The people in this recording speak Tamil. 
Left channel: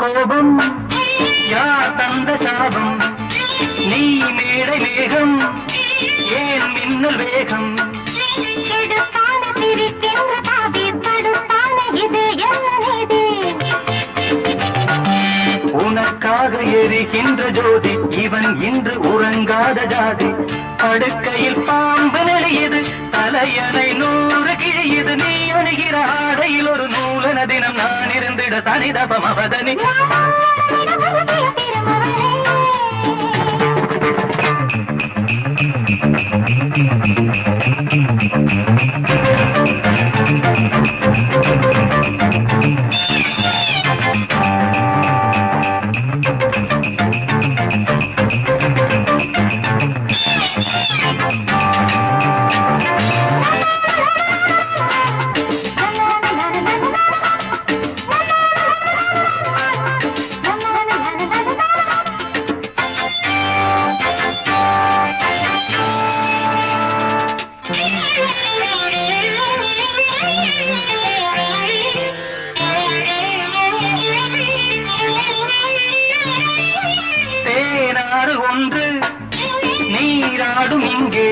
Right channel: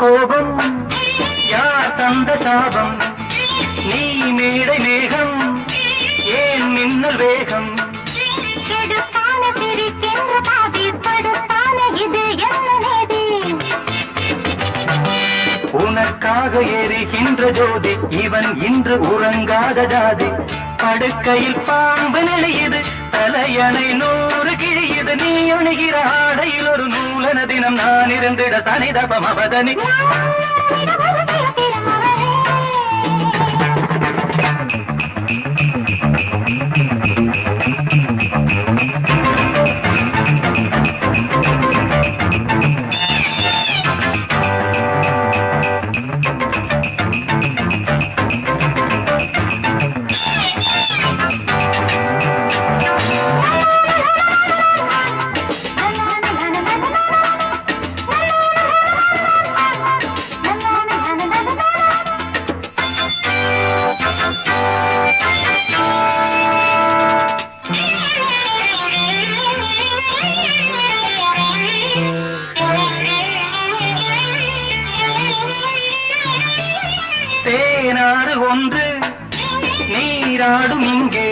கோபம் யார் தந்த சாபம் நீ மேடை மேகம் ஏன் மின்னல் வேகம் உனக்காக எரிகின்ற ஜோதி இவன் இன்று உறங்காத ஜாதி படுக்கையில் பாம்பு நெளியுது தலையணை 100 கிழியுது நீ அணுகிற ஆடையில் ஒரு நூலன தினம் நான் இருந்திட சனிதபம் அவதனி ஒன்று நீராடும் இங்கே